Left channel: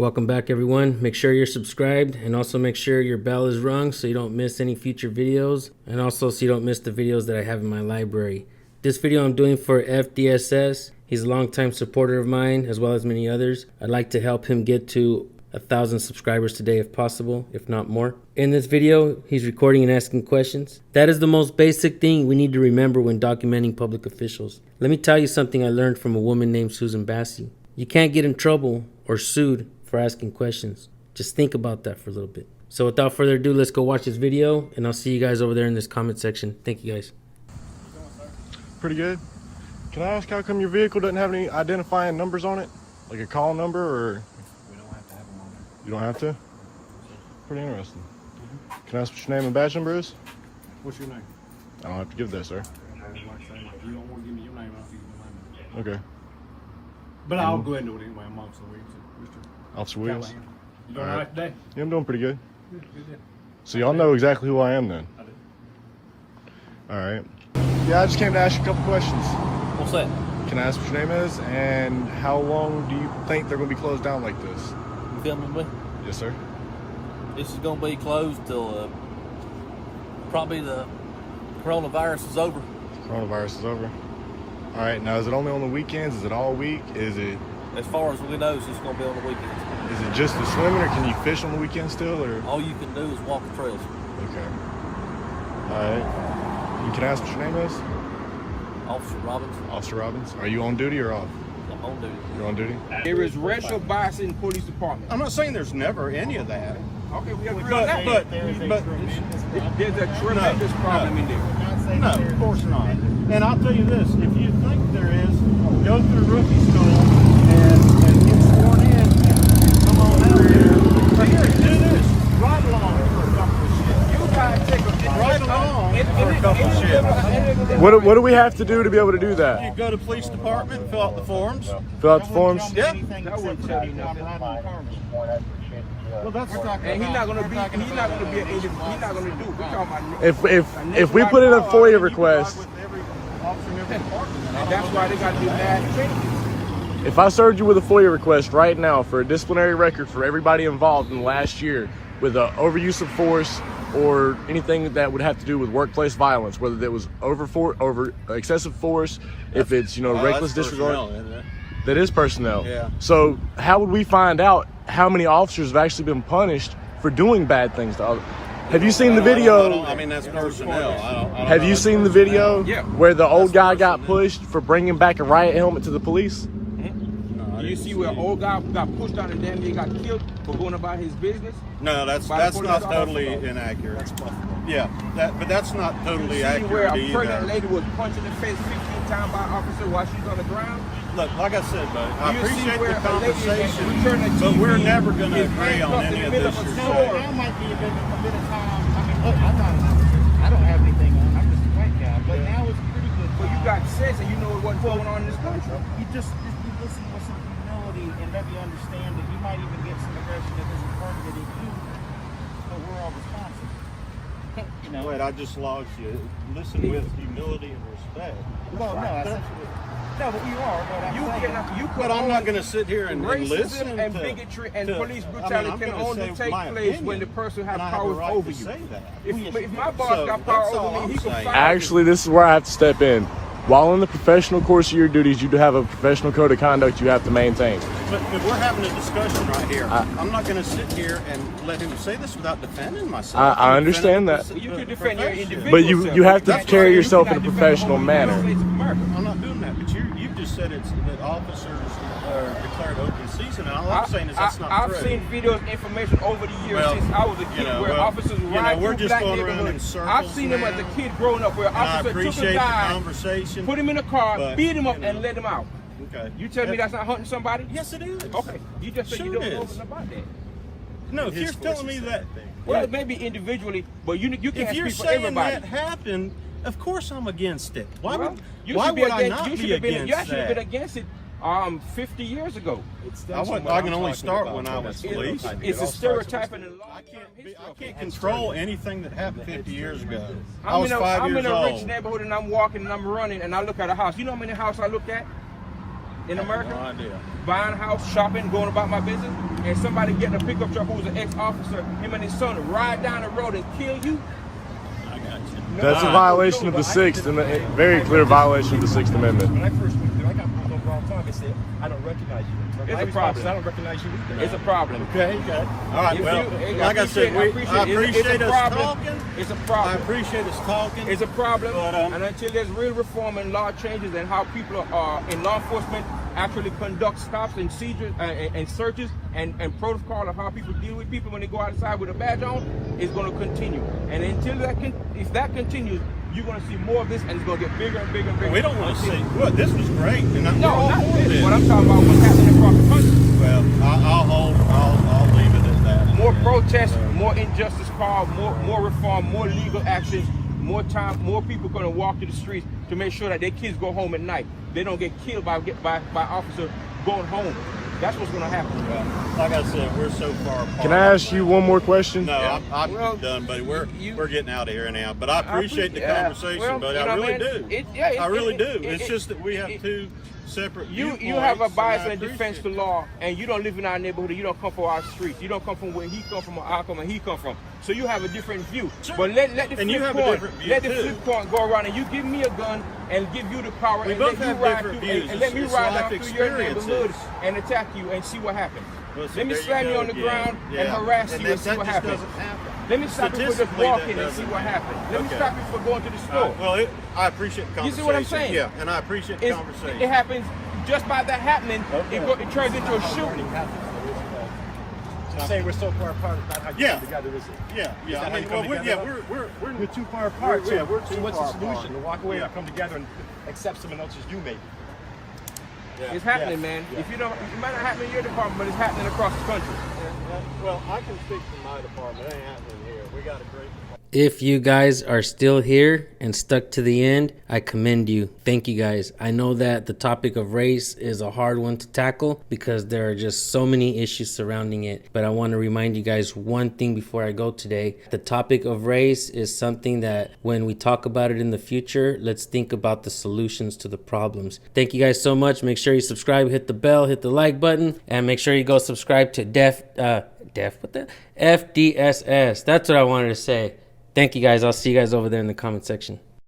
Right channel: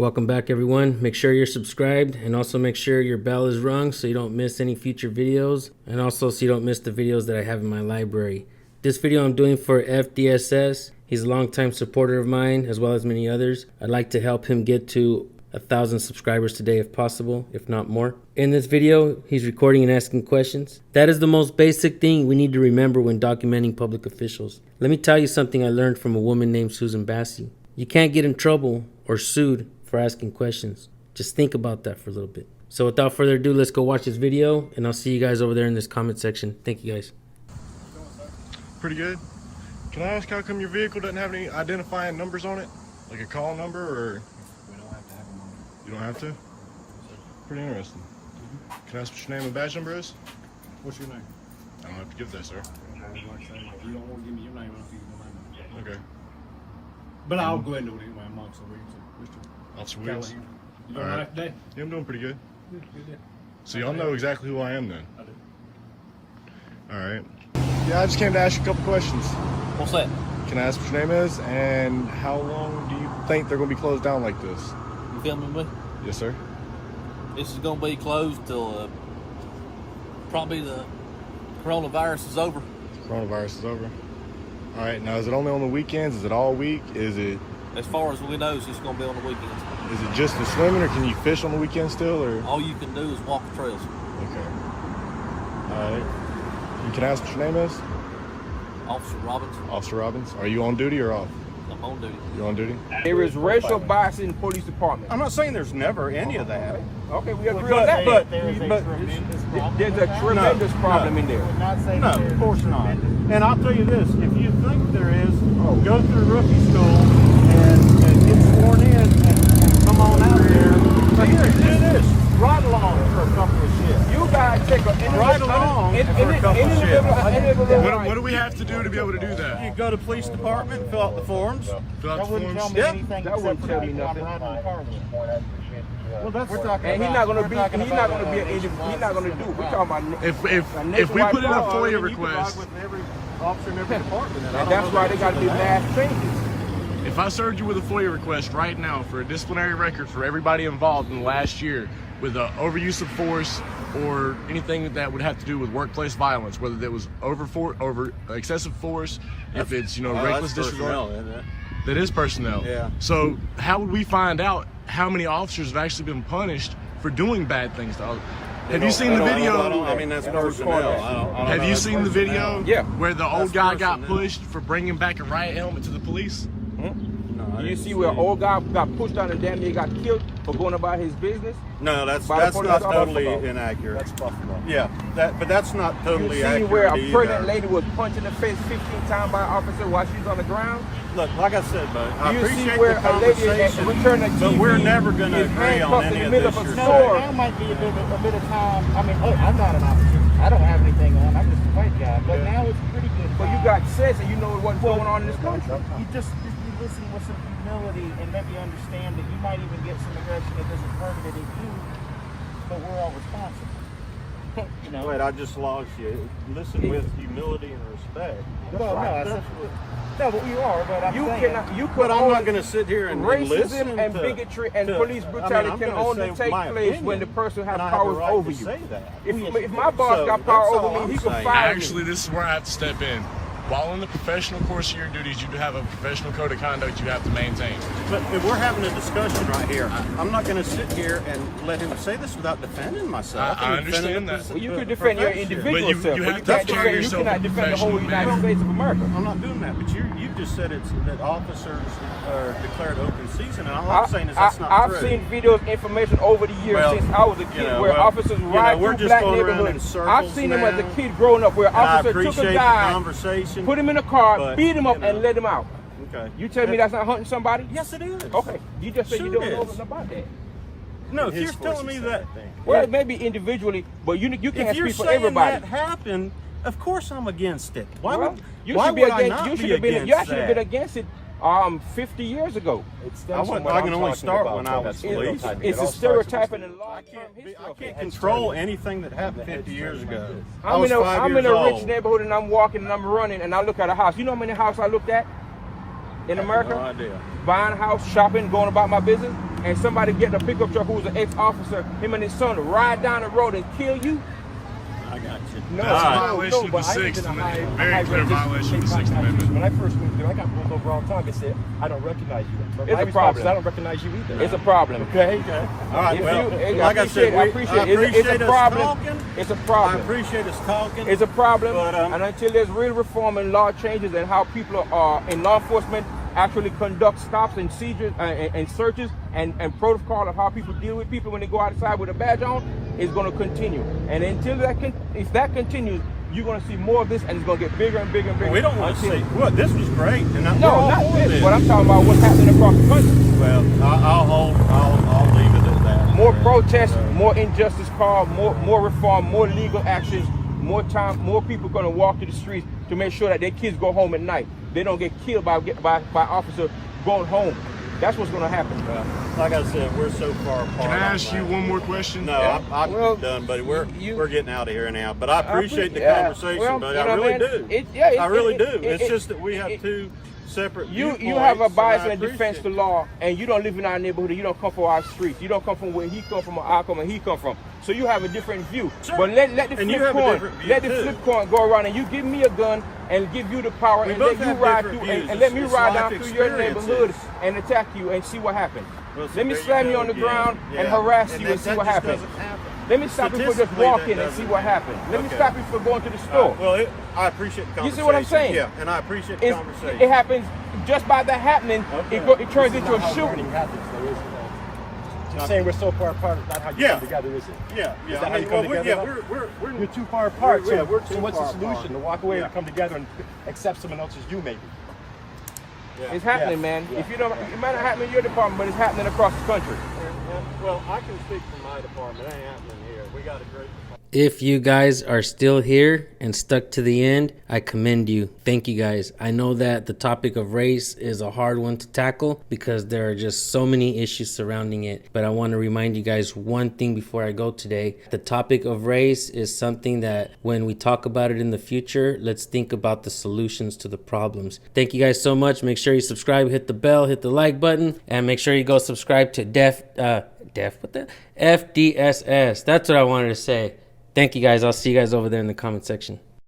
Welcome back, everyone. Make sure you're subscribed and also make sure your bell is rung so you don't miss any future videos, and also so you don't miss the videos that I have in my library. This video I'm doing for FDSS. He's a longtime supporter of mine as well as many others. I'd like to help him get to 1,000 subscribers today if possible, if not more. In this video, he's recording and asking questions. That is the most basic thing we need to remember when documenting public officials. Let me tell you something I learned from a woman named Susan Bassey. You can't get in trouble or sued for asking questions. Just think about that for a little bit. So without further ado, let's go watch this video, and I'll see you guys over there in this comment section. Thank you guys. Pretty good. Can I ask how come your vehicle doesn't have any identifying numbers on it? Like a call number or? We don't have to have them on it. You don't have to? Pretty interesting. Can I ask what your name and badge number is? What's your name? I don't have to give that, sir. If you don't want to give me your name, I'll give you my name. Okay. But I'll go ahead and do it anyway. I'm Officer Williams. Mr. Officer Williams. Callahan. You doing All all right. right today? Yeah, I'm doing pretty good. Good deal. So y'all know exactly who I am then? I do. All right. Yeah, I just came to ask you a couple questions. What's that? Can I ask what your name is and how long do you think they're going to be closed down like this? You filming me? Yes, sir. This is going to be closed till probably the coronavirus is over. Coronavirus is over. All right. Now, is it only on the weekends? Is it all week? Is it As far as we know, it's just going to be on the weekends. Is it just the swimming, or can you fish on the weekend still, or? All you can do is walk the trails. Okay. All right. You can ask what your name is? Officer Robbins, Officer Robbins. Are you on duty or off? I'm on duty. You're on duty? There is racial bias in police department. I'm not saying there's never any of that. Okay, we agree on that. But there's a tremendous problem in there. No, of course not. And I'll tell you this, if you think there is, go through rookie school and get sworn in and come on out there. But here, do this. Ride along for a couple of shifts. You gotta take a Ride along for a couple of shifts. What do we have to do to be able to do that? You go to police department, fill out the forms. Fill out the forms? Yeah. That wouldn't tell you nothing. Well, that's And he's not gonna be an idiot. He's not gonna do it. We're talking about If we put in a FOIA request, with every officer in every department. And I don't that's know why they gotta do mass changes. if I served you with a FOIA request right now for a disciplinary record for everybody involved in the last year with overuse of force or anything that would have to do with workplace violence, whether it was over excessive force, if it's reckless disregard, that is personnel. Yeah. So how would we find out how many officers have actually been punished for doing bad things to others? Have you seen the video? I mean, that's personnel. I don't Have know you that's seen the personnel. video Yeah. where the old That's guy got personnel. pushed for bringing back a riot helmet to the police? No, I You didn't see where an old guy got pushed out and damn near got killed for going about his business? No, that's By not the police totally officer. inaccurate. That's Buffalo. Yeah, but that's not totally You see where accurate a pregnant either. lady was punched in the face 15 times by an officer while she's on the ground? Look, like I said, bud, I You see appreciate where the a lady conversation, returned the but we're TV never going to is agree on handcuffed in any the of middle this of a you're store. saying. There might be a bit of time. I mean, I'm not an officer. I don't have anything on. I'm just a white guy. But now it's pretty good. But you got sense and you know what's going on in this country. You just listen with some humility and maybe understand that you might even get some aggression that isn't targeted at you. But we're all responsible. You know? Wait, I just lost you. Listen with humility and respect. Well, no, I said, no, but you are. But I'm You saying, cannot. You But I'm not going to sit here and listen racism and to bigotry and to- police I mean, brutality I'm can gonna only say take my place opinion, when the person has and I have a power right over to you. say that. If my boss So, got power that's all over me, he I'm can saying. fire me. Actually, this is where I have to step in. While in the professional course of your duties, you do have a professional code of conduct you have to maintain. But if we're having a discussion right here, I'm not going to sit here and let him say this without defending myself. I and defending understand the that. pos- You the can defend your profession. individual But you self, have to can't carry defend- yourself you in a cannot defend the professional whole manner. United States of America. I'm not doing that, but you just said that officers are declared open season, and all I'm saying is that's not true. I've seen videos, information over the years Well, since I was a kid where officers ride we're through just black going around in neighborhoods. circles I've seen them as a now, kid growing up where and I officers took appreciate a the guy, conversation. put him in a car, but, beat him up, you know, and let him out. Okay. You tell me that's not hunting somebody? Yes, it is. Okay. You just said Sure you don't it know is. nothing about that. No, if you're telling me that, Well, it may be individually, but you can't if you're speak for saying everybody. that happened, of course I'm against it. Why Well, would you why should be would I against- not you be should have been- against You should have been that? against it 50 years ago. I can only start when I was police. It's a stereotyping and I can't control anything that happened 50 years ago. I I'm was in a 5 I'm years in a rich old. neighborhood and I'm walking and I'm running and I look at a house. You know how many houses I looked at? in America? No idea. Buying a house, shopping, going about my business, and somebody getting a pickup truck who's an ex-officer, him and his son ride down the road and kill you? I got you. No, That's a I violation know, of the but I Sixth, just- and a very clear violation of the Sixth Amendment. When I first went through, I got pulled over all the time and said, I don't recognize you. It's a problem. I don't recognize you either. It's a problem. Okay. All right. You- Well, you- like I said, I it's appreciate a us problem. talking. It's a I problem. appreciate us talking. It's a problem, But, and until there's real reform and law changes and how people are in law enforcement actually conduct stops and seizures and searches and protocol of how people deal with people when they go outside with a badge on, is going to continue. And until if that continues, you're going to see more of this, and it's going to get bigger and bigger and bigger. Well, we don't want to see. Well, this was great, and we're No, all not for this, this. but I'm talking about what's happening across the country. Well, I'll leave it at that. More And, protests, more injustice caused, more reform, more legal actions, more time, more people going to walk to the streets to make sure that their kids go home at night. They don't get killed by officers going home. That's what's going to happen. Well, like I said, we're so far apart. Can I ask you one more question? No, I'm Well, done, buddy. We're getting out of here now. But I appreciate the Yeah, conversation, well, buddy. I you know, really man, do. I really do. It's it- just that we have two separate You viewpoints. have a and bias I and defense to appreciate law, and you don't live in our neighborhood. And you don't come from our streets. You don't come from where he come from, or I come, and he come from. So you have a different view. Sure. But let the And you flip have a coin, different view, let the too. flip coin go around, and you give me a gun and give you the power. We and both let have you ride different through, views. and let me It's ride life down through your neighborhood experiences. and attack you and see what happens. Well, see, Let me there you slam you go on the again. ground and Yeah. harass And you and see that what just happens. doesn't happen. Let me stop you from just Statistically, that walking and see doesn't what happen. happens. Let me Okay. stop you from going to the All store. right, well, I appreciate the You conversation. see what I'm saying? Yeah, and I appreciate the It's- conversation. It happens just by the happening. Okay. It turns into a shooting. I'm saying we're so far apart. It's not how you Yeah. come together, is it? Yeah, Is yeah. that I how you mean, come well, together? we're We're too far apart. We're so too what's far the solution? apart. To walk away Yeah. and come together and accept someone else's you make. It's happening, man. If you don't, it might not happen in your department, but it's happening across the country. Well, I can speak for my department. It ain't happening here. We got a great department. If you guys are still here and stuck to the end, I commend you. Thank you guys. I know that the topic of race is a hard one to tackle because there are just so many issues surrounding it. But I want to remind you guys one thing before I go today. The topic of race is something that when we talk about it in the future, let's think about the solutions to the problems. Thank you guys so much. Make sure you subscribe, hit the bell, hit the like button, and make sure you go subscribe to FDSS. That's what I wanted to say. Thank you guys. I'll see you guys over there in the comment section.